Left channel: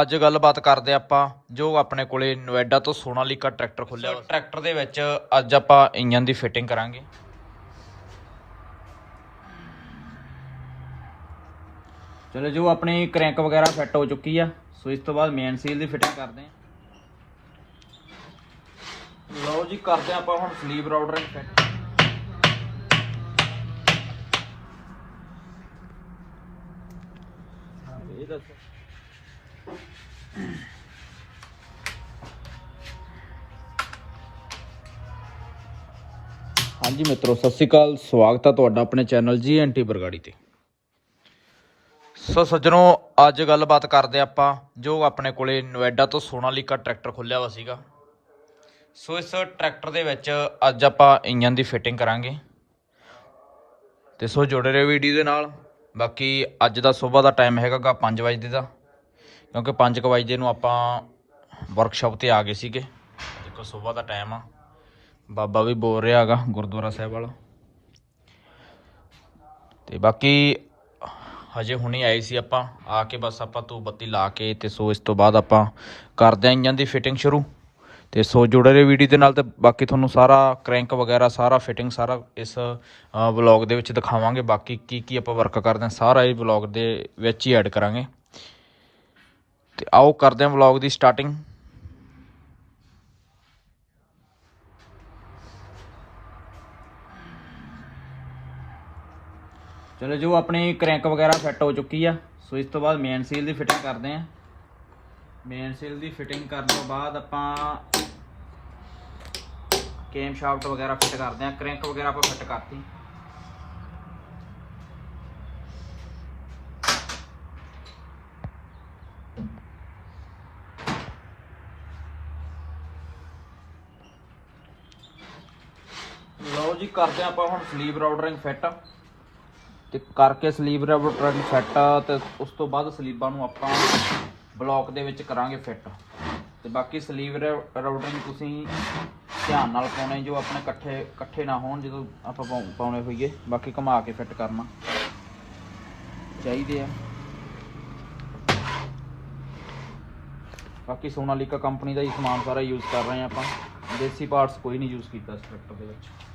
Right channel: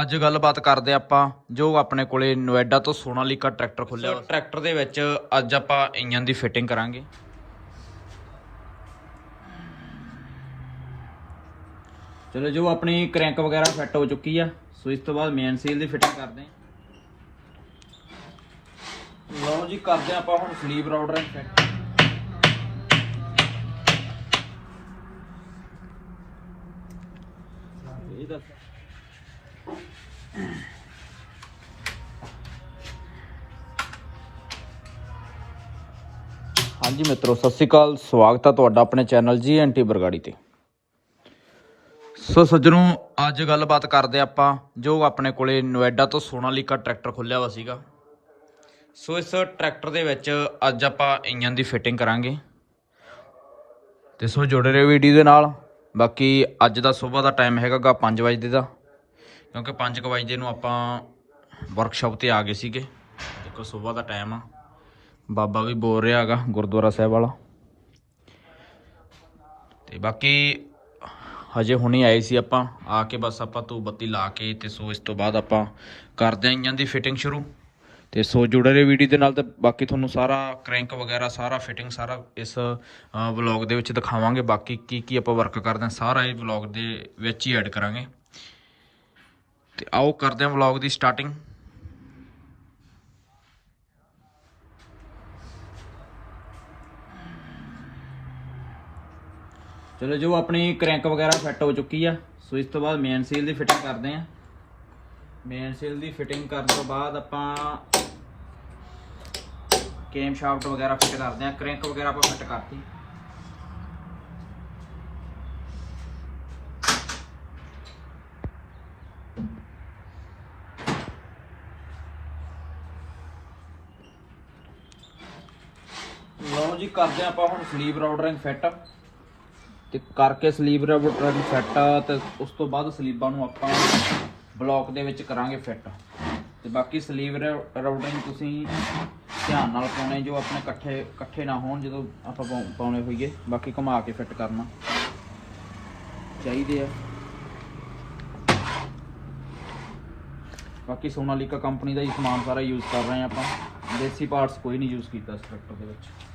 ਅੱਜ ਗੱਲਬਾਤ ਕਰਦੇ ਆਪਾਂ, ਜੋ ਆਪਣੇ ਕੋਲੇ ਨੋਇਡਾ ਤੋਂ ਸੋਨਾਲੀਕਾ ਟਰੈਕਟਰ ਖੁੱਲਿਆ ਟਰੈਕਟਰ ਦੇ ਵਿੱਚ ਅੱਜ ਆਪਾਂ ਇੰਜਨ ਦੀ ਫਿਟਿੰਗ ਕਰਾਂਗੇ। ਚਲੋ ਜੋ ਆਪਣੀ ਕ੍ਰੈਂਕ ਵਗੈਰਾ ਫਿੱਟ ਹੋ ਚੁੱਕੀ ਆ, ਸੋ ਇਸ ਤੋਂ ਬਾਅਦ ਮੇਨ ਸੀਲ ਦੀ ਫਿਟਿੰਗ ਕਰਦੇ ਹਾਂ। ਲਓ ਜੀ, ਕਰਦੇ ਆਪਾਂ ਹੁਣ ਸਲੀਪ ਰਾਊਟਰ ਫਿੱਟ ਇਹ ਦੱਸ। ਹਾਂਜੀ ਮਿੱਤਰੋ, ਸਤਿ ਸ਼੍ਰੀ ਅਕਾਲ। ਸਵਾਗਤ ਹੈ ਤੁਹਾਡਾ ਆਪਣੇ ਚੈਨਲ ਜੀ ਐਂਟੀ ਬਰਗਾੜੀ ਤੇ। ਸੋ ਸੱਜਣੋ, ਅੱਜ ਗੱਲਬਾਤ ਕਰਦੇ ਆਪਾਂ, ਜੋ ਆਪਣੇ ਕੋਲੇ ਨੋਇਡਾ ਤੋਂ ਸੋਨਾਲੀਕਾ ਟਰੈਕਟਰ ਖੁੱਲਿਆ ਹੋਇਆ ਸੀਗਾ। ਸੋ ਇਸ ਟਰੈਕਟਰ ਦੇ ਵਿੱਚ ਅੱਜ ਆਪਾਂ ਇੰਜਨ ਦੀ ਫਿਟਿੰਗ ਕਰਾਂਗੇ। ਤੇ ਸੋ ਜੁੜੇ ਰਹੋ ਵੀਡੀਓ ਦੇ ਨਾਲ। ਬਾਕੀ ਅੱਜ ਦਾ ਸਵੇਰ ਦਾ ਟਾਈਮ ਹੈਗਾਗਾ 5 ਵਜੇ ਦਾ। ਕਿਉਂਕਿ 5 ਵਜੇ ਨੂੰ ਆਪਾਂ ਵਰਕਸ਼ਾਪ ਤੇ ਆ ਗਏ ਸੀਗੇ। ਦੇਖੋ ਸਵੇਰ ਦਾ ਟਾਈਮ ਆ। ਬਾਬਾ ਵੀ ਬੋਲ ਰਿਹਾ ਹੈਗਾ, ਗੁਰਦੁਆਰਾ ਸਾਹਿਬ ਵਾਲਾ। ਤੇ ਬਾਕੀ ਹਜੇ ਹੁਣੇ ਆਏ ਸੀ ਆਪਾਂ, ਆ ਕੇ ਬਸ ਆਪਾਂ ਧੂਪ ਬੱਤੀ ਲਾ ਕੇ ਤੇ ਸੋ ਇਸ ਤੋਂ ਬਾਅਦ ਆਪਾਂ ਕਰਦੇ ਆਂ ਇੰਜਨ ਦੀ ਫਿਟਿੰਗ ਸ਼ੁਰੂ। ਤੇ ਸੋ ਜੁੜੇ ਰਹੇ ਵੀਡੀਓ ਦੇ ਨਾਲ ਤੇ ਬਾਕੀ ਤੁਹਾਨੂੰ ਸਾਰਾ ਕ੍ਰੈਂਕ ਵਗੈਰਾ, ਸਾਰਾ ਫਿਟਿੰਗ ਸਾਰਾ ਇਸ ਵਲੌਗ ਦੇ ਵਿੱਚ ਦਿਖਾਵਾਂਗੇ। ਬਾਕੀ ਕੀ ਕੀ ਆਪਾਂ ਵਰਕ ਕਰਦੇ ਆਂ ਸਾਰਾ ਇਹ ਵਲੌਗ ਦੇ ਵਿੱਚ ਹੀ ਐਡ ਕਰਾਂਗੇ। ਤੇ ਆਓ ਕਰਦੇ ਆਂ ਵਲੌਗ ਦੀ ਸਟਾਰਟਿੰਗ ਚਲੋ ਜੋ ਆਪਣੀ ਕ੍ਰੈਂਕ ਵਗੈਰਾ ਫਿੱਟ ਹੋ ਚੁੱਕੀ ਆ, ਸੋ ਇਸ ਤੋਂ ਬਾਅਦ ਮੇਨ ਸੀਲ ਦੀ ਫਿਟਿੰਗ ਕਰਦੇ ਆਂ। ਮੇਨ ਸੀਲ ਦੀ ਫਿਟਿੰਗ ਕਰਨ ਤੋਂ ਬਾਅਦ ਆਪਾਂ ਕੇਮ ਸ਼ਾਫਟ ਵਗੈਰਾ ਫਿੱਟ ਕਰਦੇ ਆਂ। ਕ੍ਰੈਂਕ ਵਗੈਰਾ ਆਪਾਂ ਫਿੱਟ ਕਰਤੀ। ਲਓ ਜੀ, ਕਰਦੇ ਆਂ ਆਪਾਂ ਹੁਣ ਸਲੀਵ ਰਾਊਟਰਿੰਗ ਫਿੱਟ ਤੇ ਕਰਕੇ ਸਲੀਵ ਰਾਊਟਰਿੰਗ ਫਿੱਟ ਤੇ ਉਸ ਤੋਂ ਬਾਅਦ ਸਲੀਬਾਂ ਨੂੰ ਆਪਾਂ ਬਲੌਕ ਦੇ ਵਿੱਚ ਕਰਾਂਗੇ ਫਿੱਟ। ਤੇ ਬਾਕੀ ਸਲੀਵ ਰਾਊਟਿੰਗ ਤੁਸੀਂ ਧਿਆਨ ਨਾਲ ਪਾਉਣੇ ਜੋ ਆਪਣੇ ਇਕੱਠੇ ਇਕੱਠੇ ਨਾ ਹੋਣ ਜਦੋਂ ਆਪਾਂ ਪਾਉ- ਪਾਉਣੇ ਹੋਈਏ। ਬਾਕੀ ਘੁਮਾ ਕੇ ਫਿੱਟ ਕਰਨਾ। ਚਾਹੀਦੇ ਆ। ਬਾਕੀ ਸੋਨਾਲੀਕਾ ਕੰਪਨੀ ਦਾ ਹੀ ਸਮਾਨ ਸਾਰਾ ਯੂਜ਼ ਕਰ ਰਹੇ ਆ ਆਪਾਂ। ਦੇਸੀ ਪਾਰਟਸ ਕੋਈ ਨਹੀਂ ਯੂਜ਼ ਕੀਤਾ ਇਸ ਟਰੈਕਟਰ ਦੇ ਵਿੱਚ।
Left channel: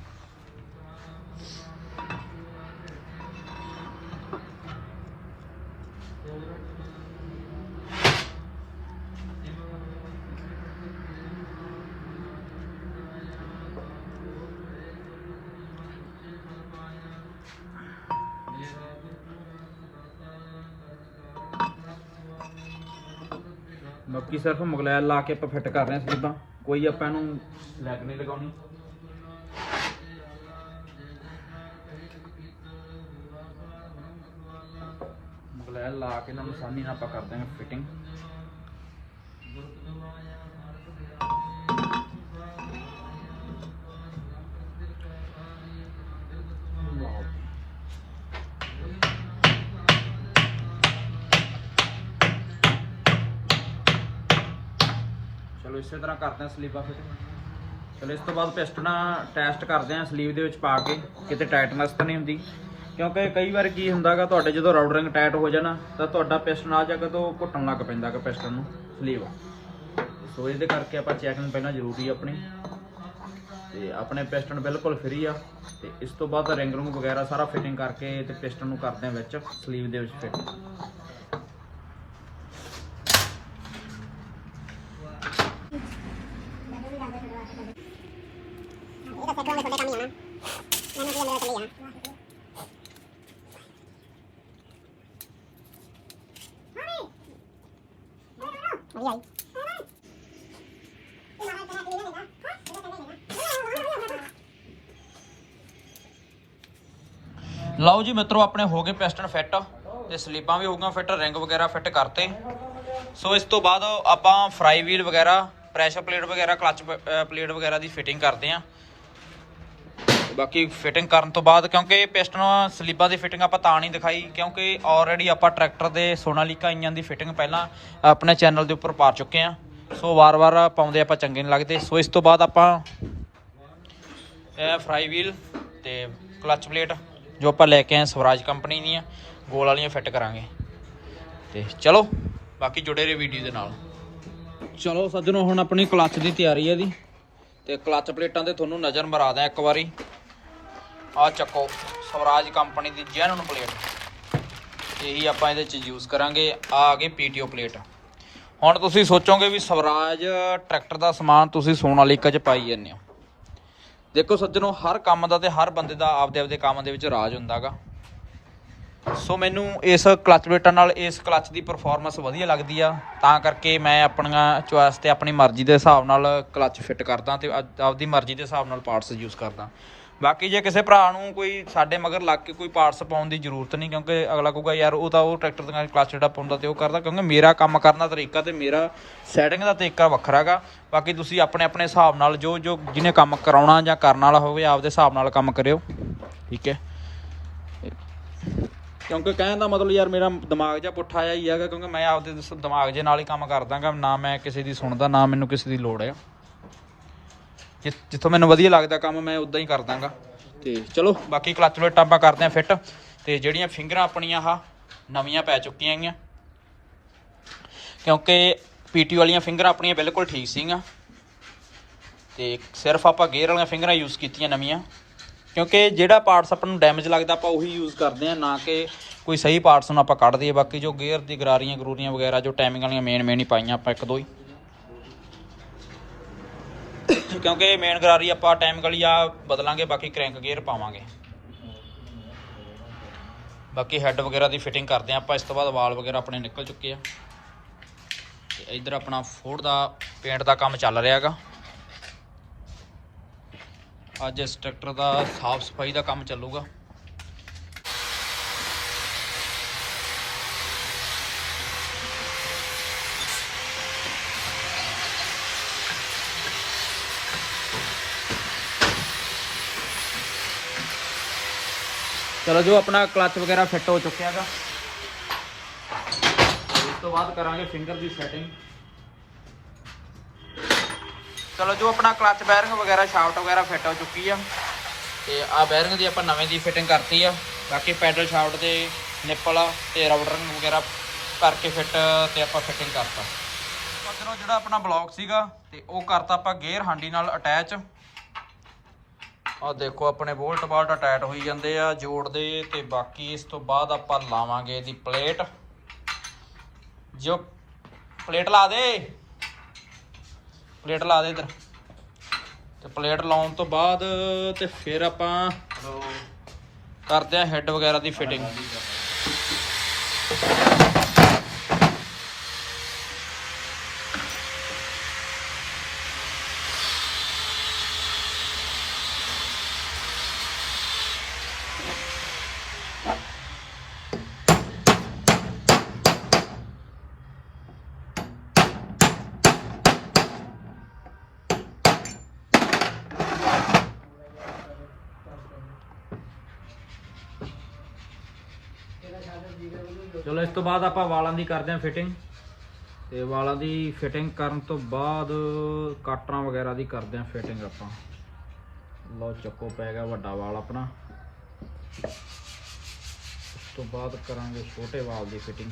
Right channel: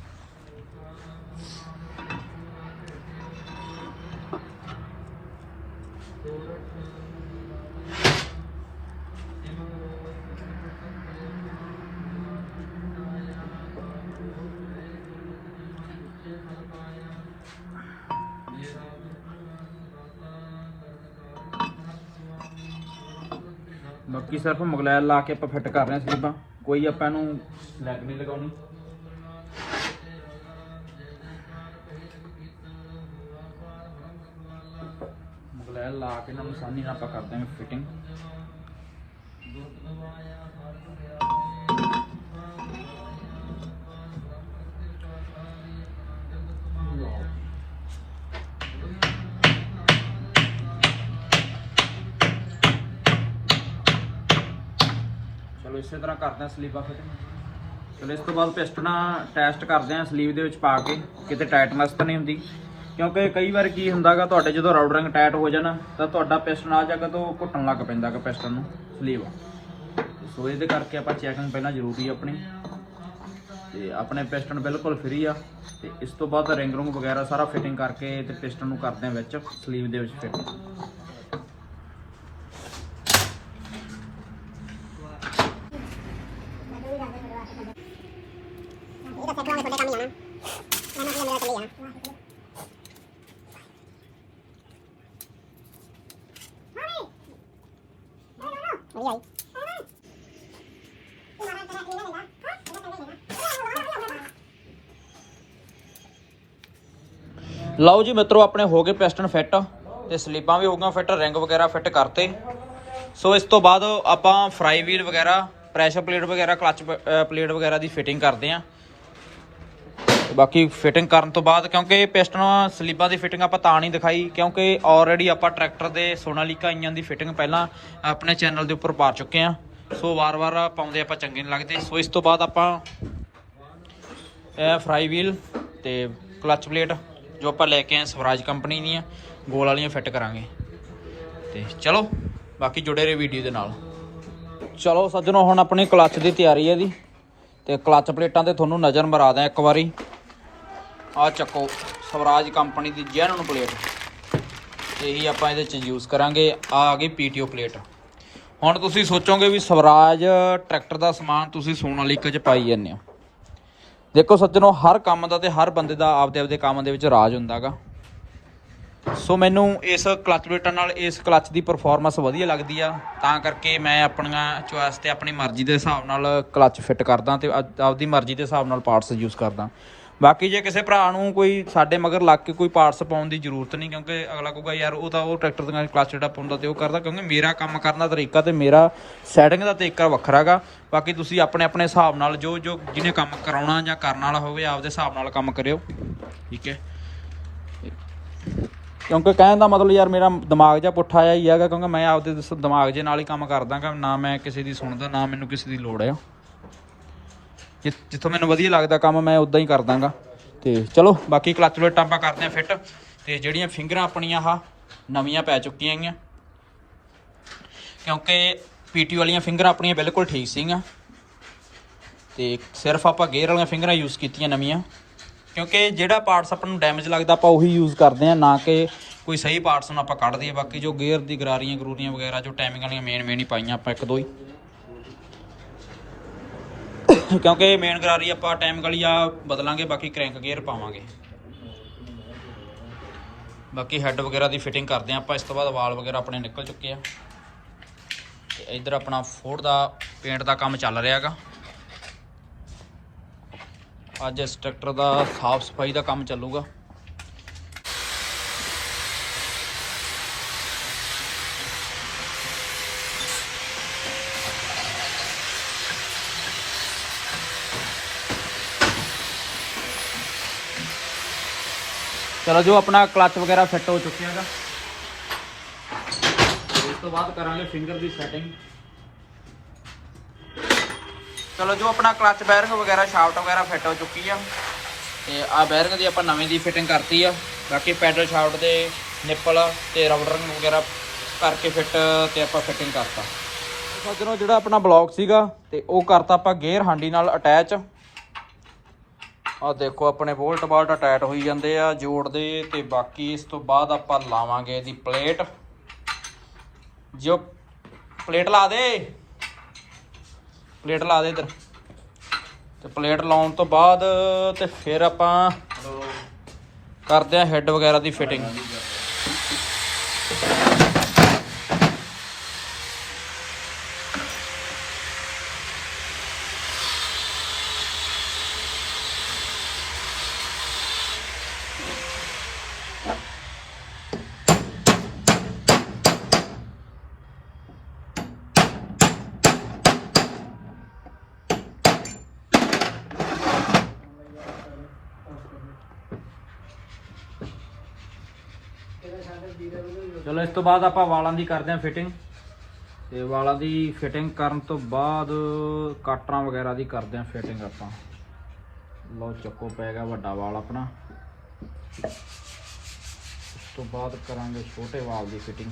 ਬਾਕੀ ਸਿਰਫ ਮਗਲੈਲ ਲਾ ਕੇ ਆਪਾਂ ਫਿੱਟ ਕਰ ਰਹੇ ਹਾਂ ਸਲੀਬਾਂ। ਕੋਈ ਆਪਾਂ ਇਹਨੂੰ ਲੈਗ ਨਹੀਂ ਲਗਾਉਣੀ। ਮਗਲੈਲ ਲਾ ਕੇ ਇਹਨਾਂ ਨੂੰ ਆਸਾਨੀ ਨਾਲ ਆਪਾਂ ਕਰ ਦਾਂਗੇ ਫਿਟਿੰਗ ਚਲੋ ਇਸੇ ਤਰ੍ਹਾਂ ਕਰਦੇ ਹਾਂ ਸਲੀਬਾਂ ਫਿਟਿੰਗ ਚਲੋ ਇਸ ਤੋਂ ਬਾਅਦ ਪਿਸਟਨ ਟੈਸਟ ਕਰਦੇ ਹਾਂ ਸਲੀਵ ਦੇ ਵਿੱਚ ਪਾ ਕੇ ਕਿਤੇ ਟਾਈਟਨੈਸ ਤਾਂ ਨਹੀਂ ਹੁੰਦੀ ਕਿਉਂਕਿ ਕਈ ਵਾਰ ਕੀ ਹੁੰਦਾਗਾ, ਤੁਹਾਡੇ ਜਦੋਂ ਰਾਊਟਰਿੰਗ ਟਾਈਟ ਹੋ ਜਾਣਾ, ਤਾਂ ਤੁਹਾਡਾ ਪਿਸਟਨ ਆ ਜਗ੍ਹਾ ਤੋਂ ਘੁੱਟਣ ਲੱਗ ਪੈਂਦਾਗਾ ਪਿਸਟਨ ਨੂੰ ਸਲੀਵ ਸੋ ਇਹਦੇ ਕਰਕੇ ਆਪਾਂ ਚੈਕਿੰਗ ਪਹਿਲਾਂ ਜ਼ਰੂਰੀ ਆਪਣੀ। ਤੇ ਆਪਣੇ ਪਿਸਟਨ ਬਿਲਕੁਲ ਫ੍ਰੀ ਆ, ਤੇ ਇਸ ਤੋਂ ਬਾਅਦ ਰਿੰਗ ਰੂੰਗ ਵਗੈਰਾ ਸਾਰਾ ਫਿਟਿੰਗ ਕਰਕੇ ਤੇ ਪਿਸਟਨ ਨੂੰ ਕਰਦੇ ਆ ਵਿੱਚ ਸਲੀਵ ਦੇ ਵਿੱਚ ਫਿੱਟ ਇਹਦਾ ਫੈਕਟਰੀ ਵਾਲੇ ਤੁਹਾਡੇ ਕੰਮ ਹੀ ਆਣਾ ਮੈਨੂੰ ਕੀ ਮੇਰਾ ਚੱਲੇ ਆ ਮੰਮੀ ਆਈ ਲਓ ਜੀ ਮਿੱਤਰੋ, ਆਪਣੇ ਹੋ ਗਏ ਪਿਸਟਨ ਫਿੱਟ ਤੇ ਸਲੀਪਾਂ ਵੀ ਹੋ ਗਈਆਂ ਫਿੱਟ ਰਿੰਗ ਵਗੈਰਾ ਫਿੱਟ ਕਰਤੇ। ਸੋ ਇਸ ਤੋਂ ਬਾਅਦ ਆਪਾਂ ਫਰਾਈ ਵੀਲ ਵਗੈਰਾ ਪ੍ਰੈਸ਼ਰ ਪਲੇਟ ਵਗੈਰਾ ਕਲਚ ਪਲੇਟ ਵਗੈਰਾ ਦੀ ਫਿਟਿੰਗ ਕਰਦੇ ਆਂ। ਬਾਕੀ ਫਿਟਿੰਗ ਕਰਨ ਤੋਂ ਬਾਅਦ ਕਿਉਂਕਿ ਇਹ ਪਿਸਟਨ, ਸਲੀਬਾਂ ਦੀ ਫਿਟਿੰਗ ਆਪਾਂ ਤਾਂ ਨਹੀਂ ਦਿਖਾਈ, ਕਿਉਂਕਿ ਆਲਰੇਡੀ ਆਪਾਂ ਟਰੈਕਟਰ ਦੇ ਸੋਨਾਲੀਕਾ ਇੰਜਨ ਦੀ ਫਿਟਿੰਗ ਪਹਿਲਾਂ ਆਪਣੇ ਚੈਨਲ ਦੇ ਉੱਪਰ ਪਾ ਚੁੱਕੇ ਆਂ ਸੋ ਵਾਰ-ਵਾਰ ਪਾਉਂਦੇ ਆਪਾਂ ਚੰਗੇ ਨਹੀਂ ਲੱਗਦੇ। ਸੋ ਇਸ ਤੋਂ ਬਾਅਦ ਆਪਾਂ ਇਹ ਫਰਾਈ ਵੀਲ ਤੇ ਕਲਚ ਪਲੇਟ ਜੋ ਆਪਾਂ ਲੈ ਕੇ ਆਏ ਸਵਰਾਜ ਕੰਪਨੀ ਦੀਆਂ, ਗੋਲ ਵਾਲੀਆਂ ਫਿੱਟ ਕਰਾਂਗੇ। ਤੇ ਚਲੋ, ਬਾਕੀ ਜੁੜੇ ਰਹੋ ਵੀਡੀਓ ਦੇ ਨਾਲ। ਚਲੋ ਸੱਜਣੋ, ਹੁਣ ਆਪਣੀ ਕਲੱਚ ਦੀ ਤਿਆਰੀ ਹੈ ਦੀ ਤੇ ਕਲੱਚ ਪਲੇਟਾਂ ਤੇ ਤੁਹਾਨੂੰ ਨਜ਼ਰ ਮਰਾ ਦਾਂ ਇੱਕ ਵਾਰੀ। ਆ ਚੱਕੋ ਸਵਰਾਜ ਕੰਪਨੀ ਦੀ ਜੈਨੂਨ ਪਲੇਟ। ਇਹੀ ਆਪਾਂ ਇਹਦੇ ਚ ਯੂਜ਼ ਕਰਾਂਗੇ। ਆ ਆ ਗਈ ਪੀਟੀਓ ਪਲੇਟ। ਹੁਣ ਤੁਸੀਂ ਸੋਚੋਗੇ ਵੀ ਸਵਰਾਜ ਟਰੈਕਟਰ ਦਾ ਸਮਾਨ ਤੁਸੀਂ ਸੋਨਾਲੀਕਾ ਚ ਪਾਈ ਜਾਂਦੇ ਹੋ। ਦੇਖੋ ਸੱਜਣੋ, ਹਰ ਕੰਮ ਦਾ ਤੇ ਹਰ ਬੰਦੇ ਦਾ ਆਪਦੇ ਆਪਦੇ ਕੰਮ ਦੇ ਵਿੱਚ ਰਾਜ ਹੁੰਦਾਗਾ ਸੋ ਮੈਨੂੰ ਇਸ ਕਲਚ ਪਲੇਟਾਂ ਨਾਲ ਇਸ ਕਲਚ ਦੀ ਪਰਫਾਰਮੈਂਸ ਵਧੀਆ ਲੱਗਦੀ ਆ। ਤਾਂ ਕਰਕੇ ਮੈਂ ਆਪਣੀਆਂ ਚੁਆਇਸ ਤੇ ਆਪਣੀ ਮਰਜ਼ੀ ਦੇ ਹਿਸਾਬ ਨਾਲ ਕਲਚ ਫਿੱਟ ਕਰਦਾ ਤੇ ਆਪ- ਆਪਦੀ ਮਰਜ਼ੀ ਦੇ ਹਿਸਾਬ ਨਾਲ ਪਾਰਟਸ ਯੂਜ਼ ਕਰਦਾ। ਬਾਕੀ ਜੇ ਕਿਸੇ ਭਰਾ ਨੂੰ ਕੋਈ ਸਾਡੇ ਮਗਰ ਲੱਗ ਕੇ ਕੋਈ ਪਾਰਟਸ ਪਾਉਣ ਦੀ ਜ਼ਰੂਰਤ ਨਹੀਂ, ਕਿਉਂਕਿ ਅਗਲਾ ਕਹੂਗਾ, ਯਾਰ, ਉਹ ਤਾਂ ਉਹ ਟਰੈਕਟਰ ਦਾ ਕਲਚ ਜਿਹੜਾ ਪਾਉਂਦਾ ਤੇ ਉਹ ਕਰਦਾ, ਕਿਉਂਕਿ ਮੇਰਾ ਕੰਮ ਕਰਨ ਦਾ ਤਰੀਕਾ ਤੇ ਮੇਰਾ ਸੈਟਿੰਗ ਦਾ ਤਰੀਕਾ ਵੱਖਰਾਗਾ ਬਾਕੀ ਤੁਸੀਂ ਆਪਣੇ ਆਪਣੇ ਹਿਸਾਬ ਨਾਲ ਜੋ ਜੋ ਜਿਹਨੇ ਕੰਮ ਕਰਾਉਣਾ ਜਾਂ ਕਰਨ ਵਾਲਾ ਹੋਵੇ, ਆਪਦੇ ਹਿਸਾਬ ਨਾਲ ਕੰਮ ਕਰਿਓ। ਠੀਕ ਹੈ? ਕਿਉਂਕਿ ਕਹਿਣ ਦਾ ਮਤਲਬ, ਯਾਰ, ਮੇਰਾ ਦਿਮਾਗ ਜਿਹਾ ਪੁੱਠਾ ਆਇਆ ਹੀ ਹੈਗਾ, ਕਿਉਂਕਿ ਮੈਂ ਆਪਦੇ ਦਿਮਾਗ ਜੇ ਨਾਲ ਹੀ ਕੰਮ ਕਰਦਾਗਾ ਨਾ ਮੈਂ ਕਿਸੇ ਦੀ ਸੁਣਦਾ, ਨਾ ਮੈਨੂੰ ਕਿਸੇ ਦੀ ਲੋੜ ਆ। ਜਿੱਥੋਂ ਮੈਨੂੰ ਵਧੀਆ ਲੱਗਦਾ ਕੰਮ ਮੈਂ ਉਦਾਂ ਹੀ ਕਰ ਦਾਂਗਾ। ਤੇ ਚਲੋ, ਬਾਕੀ ਕਲਚ ਪਲੇਟਾਂ ਆਪਾਂ ਕਰਦੇ ਆਂ ਫਿੱਟ ਤੇ ਜਿਹੜੀਆਂ ਫਿੰਗਰਾਂ ਆਪਣੀਆਂ ਆਹ ਨਵੀਆਂ ਪੈ ਚੁੱਕੀਆਂ ਹੈਗੀਆਂ ਕਿਉਂਕਿ ਪੀਟੀ ਵਾਲੀਆਂ ਫਿੰਗਰਾਂ ਆਪਣੀਆਂ ਬਿਲਕੁਲ ਠੀਕ ਸੀਗੀਆਂ। ਤੇ ਸਿਰਫ ਆਪਾਂ ਗੇਅਰ ਵਾਲੀਆਂ ਫਿੰਗਰਾਂ ਯੂਜ਼ ਕੀਤੀਆਂ ਨਵੀਆਂ। ਕਿਉਂਕਿ ਜਿਹੜਾ ਪਾਰਟਸ ਆਪਾਂ ਨੂੰ ਡੈਮੇਜ ਲੱਗਦਾ, ਆਪਾਂ ਉਹੀ ਯੂਜ਼ ਕਰਦੇ ਆ ਨਾ ਕਿ ਕੋਈ ਸਹੀ ਪਾਰਟਸ ਨੂੰ ਆਪਾਂ ਕੱਢ ਦਈਏ। ਬਾਕੀ ਜੋ ਗੇਅਰ ਦੀ ਗਰਾਰੀਆਂ ਗਰੂਰੀਆਂ ਵਗੈਰਾ, ਜੋ ਟਾਈਮਿੰਗ ਵਾਲੀਆਂ ਮੇਨ ਮੇਨ ਹੀ ਪਾਈਆਂ ਆਪਾਂ ਇੱਕ ਦੋ ਹੀ। ਕਿਉਂਕਿ ਮੇਨ ਗਰਾਰੀ ਆਪਾਂ ਟਾਈਮ ਗਲੀ ਆ ਬਦਲਾਂਗੇ, ਬਾਕੀ ਕ੍ਰੈਂਕ ਗੇਅਰ ਪਾਵਾਂਗੇ। ਬਾਕੀ ਹੈੱਡ ਵਗੈਰਾ ਦੀ ਫਿਟਿੰਗ ਕਰਦੇ ਆ ਆਪਾਂ, ਇਸ ਤੋਂ ਬਾਅਦ ਵਾਲ ਵਗੈਰਾ ਆਪਣੇ ਨਿਕਲ ਚੁੱਕੇ ਆ। ਤੇ ਇੱਧਰ ਆਪਣਾ ਫੋਰਡ ਦਾ ਪੇਂਟ ਦਾ ਕੰਮ ਚੱਲ ਰਿਹਾ ਹੈਗਾ। ਅੱਜ ਇਸ ਟਰੈਕਟਰ ਦਾ ਸਾਫ਼ ਸਫ਼ਾਈ ਦਾ ਕੰਮ ਚੱਲੂਗਾ। ਚਲੋ ਜੋ ਆਪਣਾ ਕਲੱਚ ਵਗੈਰਾ ਫਿੱਟ ਹੋ ਚੁੱਕਿਆ ਹੈ ਇਸ ਤੋਂ ਬਾਅਦ ਕਰਾਂਗੇ ਫਿੰਗਰ ਦੀ ਸੈਟਿੰਗ। ਚਲੋ ਜੋ ਆਪਣਾ ਕਲਚ ਬੈਰਿੰਗ ਵਗੈਰਾ, ਸ਼ਾਫਟ ਵਗੈਰਾ ਫਿੱਟ ਹੋ ਚੁੱਕੀ ਆ। ਤੇ ਆ ਬੈਰਿੰਗ ਦੀ ਆਪਾਂ ਨਵੇਂ ਦੀ ਫਿਟਿੰਗ ਕਰਤੀ ਆ। ਬਾਕੀ ਪੈਡਲ, ਸ਼ਾਫਟ ਦੇ ਨਿੱਪਲ ਤੇ ਰਬੜ ਵਗੈਰਾ ਕਰਕੇ ਫਿੱਟ ਤੇ ਆਪਾਂ ਫਿਟਿੰਗ ਕਰਤਾ। ਮਗਰੋਂ ਜਿਹੜਾ ਆਪਣਾ ਬਲੌਕ ਸੀਗਾ ਤੇ ਉਹ ਕਰਤਾ ਆਪਾਂ ਗੇਅਰ ਹਾਂਡੀ ਨਾਲ ਅਟੈਚ। ਆ ਦੇਖੋ, ਆਪਣੇ ਬੋਲਟ ਬਾਲਟ ਅਟੈਚ ਹੋਈ ਜਾਂਦੇ ਆ ਜੋੜਦੇ ਤੇ ਬਾਕੀ ਇਸ ਤੋਂ ਬਾਅਦ ਆਪਾਂ ਲਾਵਾਂਗੇ ਇਹਦੀ ਪਲੇਟ। ਜੋ ਪਲੇਟ ਲਾ ਦੇ। ਪਲੇਟ ਲਾ ਦੇ ਇੱਧਰ। ਤੇ ਪਲੇਟ ਲਾਉਣ ਤੋਂ ਬਾਅਦ ਤੇ ਫਿਰ ਆਪਾਂ ਕਰਦੇ ਆ ਹੈੱਡ ਵਗੈਰਾ ਦੀ ਫਿਟਿੰਗ ਚਲੋ ਇਸ ਤੋਂ ਬਾਅਦ ਆਪਾਂ ਵਾਲਾਂ ਦੀ ਕਰਦੇ ਹਾਂ ਫਿਟਿੰਗ ਤੇ ਵਾਲਾਂ ਦੀ ਫਿਟਿੰਗ ਕਰਨ ਤੋਂ ਬਾਅਦ ਕਾਟਰਾਂ ਵਗੈਰਾ ਦੀ ਕਰਦੇ ਹਾਂ ਫਿਟਿੰਗ ਆਪਾਂ। ਲਓ ਚੱਕੋ ਪੈ ਗਿਆ ਵੱਡਾ ਵਾਲ ਆਪਣਾ। ਉਸ ਤੋਂ ਬਾਅਦ ਕਰਾਂਗੇ ਛੋਟੇ ਵਾਲ ਦੀ ਫਿਟਿੰਗ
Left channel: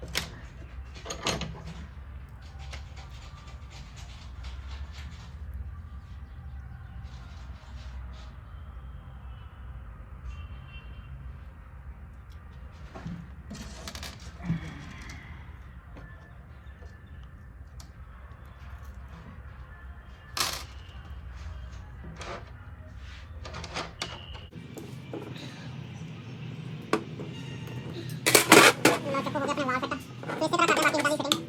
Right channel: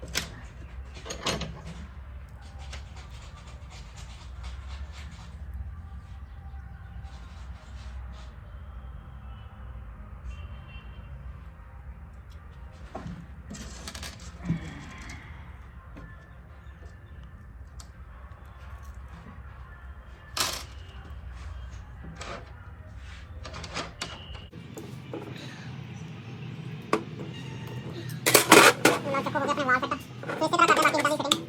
ਨਾਲ ਚੱਕੋ ਹੋ ਗਿਆ ਆਪਣੇ ਵਾਲ ਸੈੱਟ ਤੇ ਇਸੇ ਤਰ੍ਹਾਂ ਕਰਦੇ ਬਾਕੀ ਜਿੱਦਾਂ ਦੀ ਫਿਟਿੰਗ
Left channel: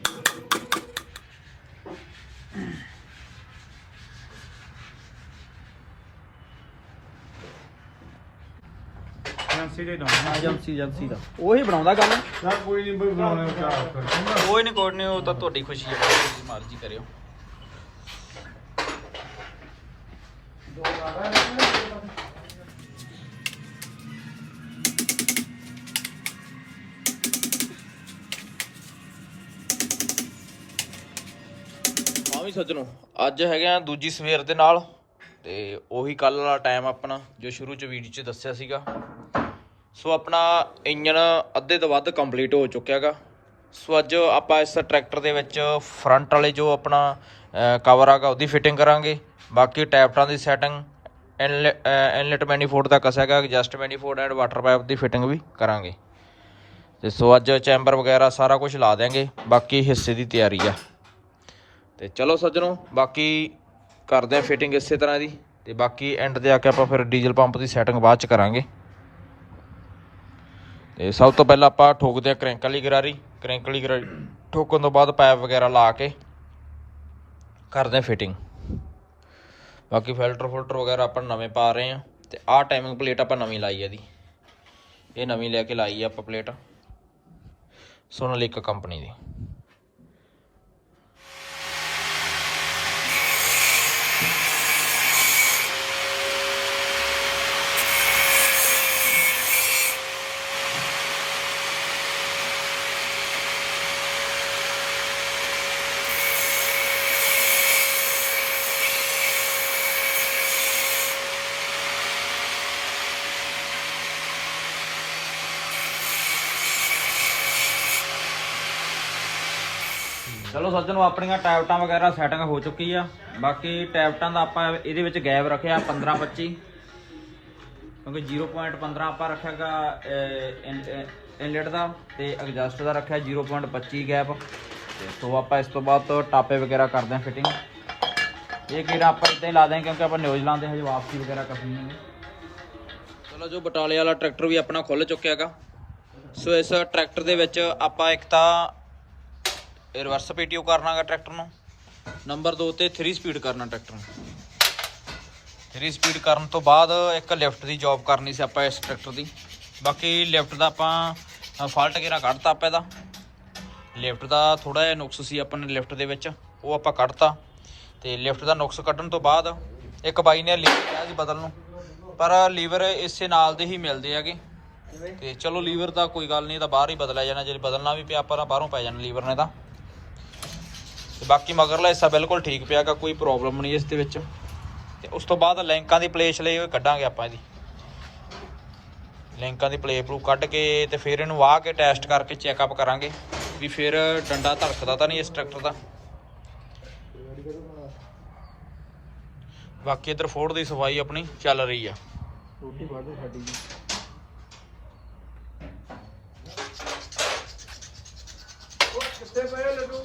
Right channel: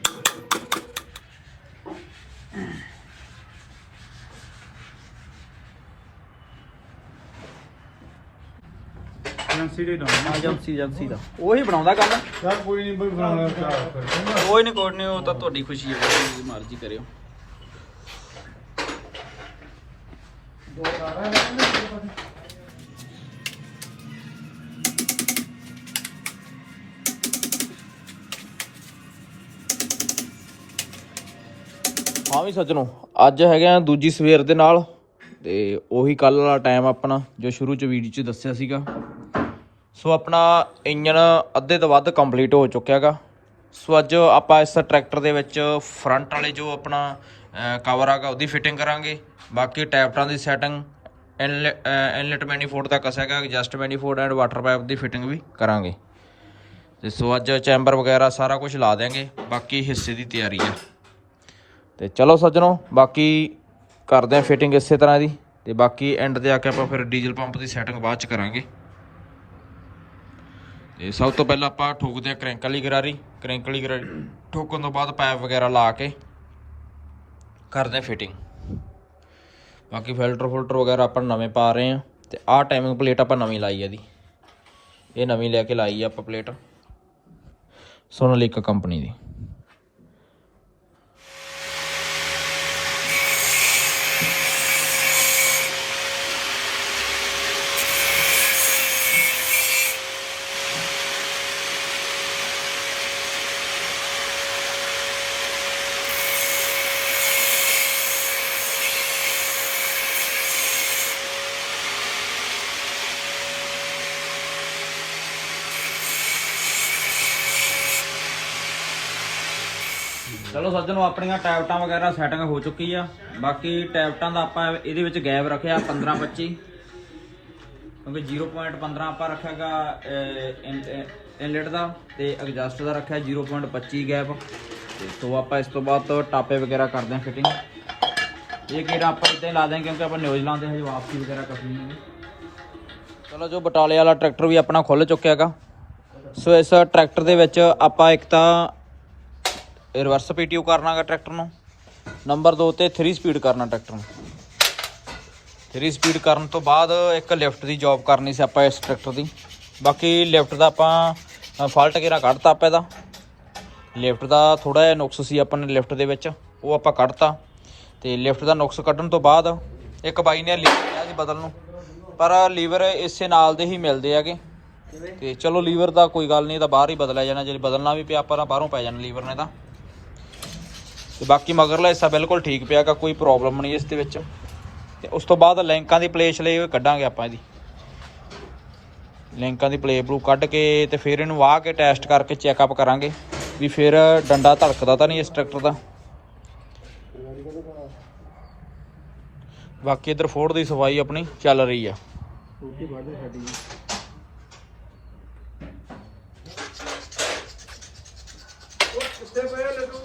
ਏਜੰਸੀ ਦੇ ਨਾਮ ਏਜੰਸੀ ਏਜੰਸੀ ਦਾ। ਉਹੀ ਬਣਾਉਂਦਾ ਕਰ ਚੱਲ ਕੋਈ ਨਹੀਂ ਬਈ ਬਣਾਉਣੇ ਚਾਹ ਫਿਰ। ਕੋਈ ਨਹੀਂ ਕੋਈ ਨਹੀਂ ਉਹ ਤਾਂ ਤੁਹਾਡੀ ਖੁਸ਼ੀ ਹੈ। ਜੀ ਮਰਜ਼ੀ ਕਰਿਓ। ਹਾਂ ਵੀ ਸੱਜਣੋ ਅੱਜ ਹੈਗੇ ਆ ਦੂਜੀ ਸਵੇਰ ਦੇ ਨਾਲ। ਤੇ ਉਹੀ ਕੱਲ ਵਾਲਾ ਟਾਈਮ ਆਪਣਾ ਜੋ ਸ਼ੁਰੂ ਚ ਵੀਡੀਓ ਚ ਦੱਸਿਆ ਸੀਗਾ। ਸੋ ਆਪਣਾ ਇੰਜਨ ਅੱਧੇ ਤੋਂ ਵੱਧ ਕੰਪਲੀਟ ਹੋ ਚੁੱਕਿਆ ਹੈਗਾ ਸੋ ਅੱਜ ਆਪਾਂ ਇਸ ਟਰੈਕਟਰ ਦੇ ਵਿੱਚ ਫਰੰਟ ਵਾਲੇ ਜੋ ਆਪਣਾ ਕਵਰ ਆਗਾ ਉਹਦੀ ਫਿਟਿੰਗ ਕਰਾਂਗੇ। ਬਾਕੀ ਟੈਪਟਾਂ ਦੀ ਸੈਟਿੰਗ ਇਨਲੈਟ ਮੈਨੀਫੋਲਡ ਦਾ ਕਸਾਗਾ adjust manifold and water pipe the fitting ਵੀ ਕਰਾਂਗੇ। ਤੇ ਸੋ ਅੱਜ ਚੈਂਬਰ ਵਗੈਰਾ ਸਾਰਾ ਕੁਝ ਲਾ ਦੇਾਂਗੇ ਬਾਕੀ ਹਿੱਸੇ ਦੀ ਤਿਆਰੀ ਆ। ਤੇ ਚਲੋ ਸੱਜਣੋ, ਬਾਕੀ ਕਰਦੇ ਆ ਫਿਟਿੰਗ ਇਸੇ ਤਰ੍ਹਾਂ ਦੀ। ਤੇ ਬਾਕੀ ਐਂਡ ਤੇ ਆ ਕੇ ਆਪਾਂ ਫਿਰ ਡੀਜ਼ਲ ਪੰਪ ਦੀ ਸੈਟਿੰਗ ਬਾਅਦ ਚ ਕਰਾਂਗੇ। ਤੇ ਸਭ ਤੋਂ ਪਹਿਲਾਂ ਆਪਾਂ ਠੋਕਦੇ ਆ ਕ੍ਰੈਂਕ ਵਾਲੀ ਗਰਾਰੀ। ਕ੍ਰੈਂਕ ਵਾਲੀ ਗਰਾਰੀ ਠੋਕਣ ਤੋਂ ਬਾਅਦ ਪਾਈਪ ਵਗੈਰਾ ਲਾ ਕੇ ਕਰਦੇ ਆ ਫਿਟਿੰਗ ਬਾਕੀ ਫਿਲਟਰ ਫਿਲਟਰ ਵਗੈਰਾ ਆਪਾਂ ਨਵੇਂ ਪਾ ਰਹੇ ਆ ਤੇ ਆਹ ਟਾਈਮਿੰਗ ਪਲੇਟ ਆਪਾਂ ਨਵੀਂ ਲਾਈ ਆ ਦੀ ਇਹ ਨਵੀਂ ਲੈ ਕੇ ਲਾਈ ਆ ਆਪਾਂ ਪਲੇਟ ਸੋਨਾਲੀਕਾ ਕੰਪਨੀ ਦੀ। ਚਲੋ ਸੱਜਣੋ, ਆਪਣੀਆਂ ਟੈਬਟਾਂ ਵਗੈਰਾ ਸੈਟਿੰਗ ਹੋ ਚੁੱਕੀ ਆ। ਬਾਕੀ ਟੈਬਟਾਂ ਦਾ ਆਪਾਂ ਇਹਦੇ ਵਿੱਚ ਗੈਪ ਰੱਖਿਆ 15 25 ਕਿਉਂਕਿ 0.15 ਆਪਾਂ ਰੱਖਾਗਾ ਇਨਲੈਟ ਦਾ ਤੇ ਐਡਜਸਟ ਦਾ ਰੱਖਿਆ 0.25 ਗੈਪ ਤੇ ਸੋ ਆਪਾਂ ਇਸ ਤੋਂ ਬਾਅਦ ਟਾਪੇ ਵਗੈਰਾ ਕਰਦੇ ਹਾਂ ਫਿਟਿੰਗ ਇਹ ਕਿਹੜਾ ਆਪਾਂ ਇੱਦਾਂ ਹੀ ਲਾ ਦਿਆਂ ਕਿਉਂਕਿ ਆਪਾਂ ਨਿਊਜ਼ੀਲੈਂਡ ਦੇ ਹਜੇ ਵਾਪਸੀ ਵਗੈਰਾ ਕਰਨੀ ਹੈ ਚਲੋ ਜੋ ਬਟਾਲੇ ਵਾਲਾ ਟਰੈਕਟਰ ਵੀ ਆਪਣਾ ਖੁੱਲ ਚੁੱਕਿਆ ਹੈਗਾ ਸੋ ਇਸ ਟਰੈਕਟਰ ਦੇ ਵਿੱਚ ਆਪਾਂ ਇੱਕ ਤਾਂ ਇਹ ਰਿਵਰਸ ਪੀਟੀਓ ਕਰਨਾਗਾ ਟਰੈਕਟਰ ਨੂੰ। ਨੰਬਰ 2 ਤੇ 3 ਸਪੀਡ ਕਰਨਾ ਟਰੈਕਟਰ ਨੂੰ। 3 ਸਪੀਡ ਕਰਨ ਤੋਂ ਬਾਅਦ ਇੱਕ ਲਿਫਟ ਦੀ ਜੌਬ ਕਰਨੀ ਸੀ ਆਪਾਂ ਇਸ ਟਰੈਕਟਰ ਦੀ। ਬਾਕੀ ਲਿਫਟ ਦਾ ਆਪਾਂ ਫਾਲਟ ਗੇਰਾ ਕੱਢਤਾ ਆਪਾਂ ਇਹਦਾ। ਲਿਫਟ ਦਾ ਥੋੜਾ ਜਿਹਾ ਨੁਕਸ ਸੀ ਆਪਾਂ ਨੇ ਲਿਫਟ ਦੇ ਵਿੱਚ, ਉਹ ਆਪਾਂ ਕੱਢਤਾ। ਤੇ ਲਿਫਟ ਦਾ ਨੁਕਸ ਕੱਢਣ ਤੋਂ ਬਾਅਦ ਇੱਕ ਬਾਈ ਨੇ ਲੀਵਰ ਕਿਹਾ ਸੀ ਬਦਲ ਨੂੰ। ਪਰ ਲੀਵਰ ਇਸੇ ਨਾਲ ਦੇ ਹੀ ਮਿਲਦੇ ਹੈਗੇ। ਤੇ ਚਲੋ ਲੀਵਰ ਦਾ ਕੋਈ ਗੱਲ ਨਹੀਂ, ਇਹ ਤਾਂ ਬਾਹਰ ਹੀ ਬਦਲਿਆ ਜਾਣਾ। ਜੇ ਬਦਲਣਾ ਵੀ ਪਿਆ, ਆਪਾਂ ਤਾਂ ਬਾਹਰੋਂ ਪੈ ਜਾਣਾ ਲੀਵਰ ਨੇ ਤਾਂ। ਤੇ ਬਾਕੀ ਮਗਰਲਾ ਹਿੱਸਾ ਬਿਲਕੁਲ ਠੀਕ ਪਿਆਗਾ ਕੋਈ ਪ੍ਰੋਬਲਮ ਨਹੀਂ ਇਸ ਦੇ ਵਿੱਚ। ਤੇ ਉਸ ਤੋਂ ਬਾਅਦ ਲੈਂਕਾਂ ਦੀ ਪਲੇਸ ਲਈ ਉਹ ਕੱਢਾਂਗੇ ਆਪਾਂ ਇਹਦੀ ਲਿੰਕਾਂ ਦੀ ਪਲੇ ਬਲੂ ਕੱਢ ਕੇ ਤੇ ਫਿਰ ਇਹਨੂੰ ਵਾਹ ਕੇ ਟੈਸਟ ਕਰਕੇ ਚੈੱਕਅਪ ਕਰਾਂਗੇ ਵੀ ਫਿਰ ਡੰਡਾ ਧੜਕਦਾ ਤਾਂ ਨਹੀਂ ਇਸ ਟਰੈਕਟਰ ਦਾ। ਬਾਕੀ ਇਧਰ ਫੋਰਡ ਦੀ ਸਫ਼ਾਈ ਆਪਣੀ ਚੱਲ ਰਹੀ ਆ। ਰੋਟੀ ਬਾਦੇ ਸਾਡੀ ਉਹ ਕਿੱਥੇ ਪਏ ਲੱਡੂ?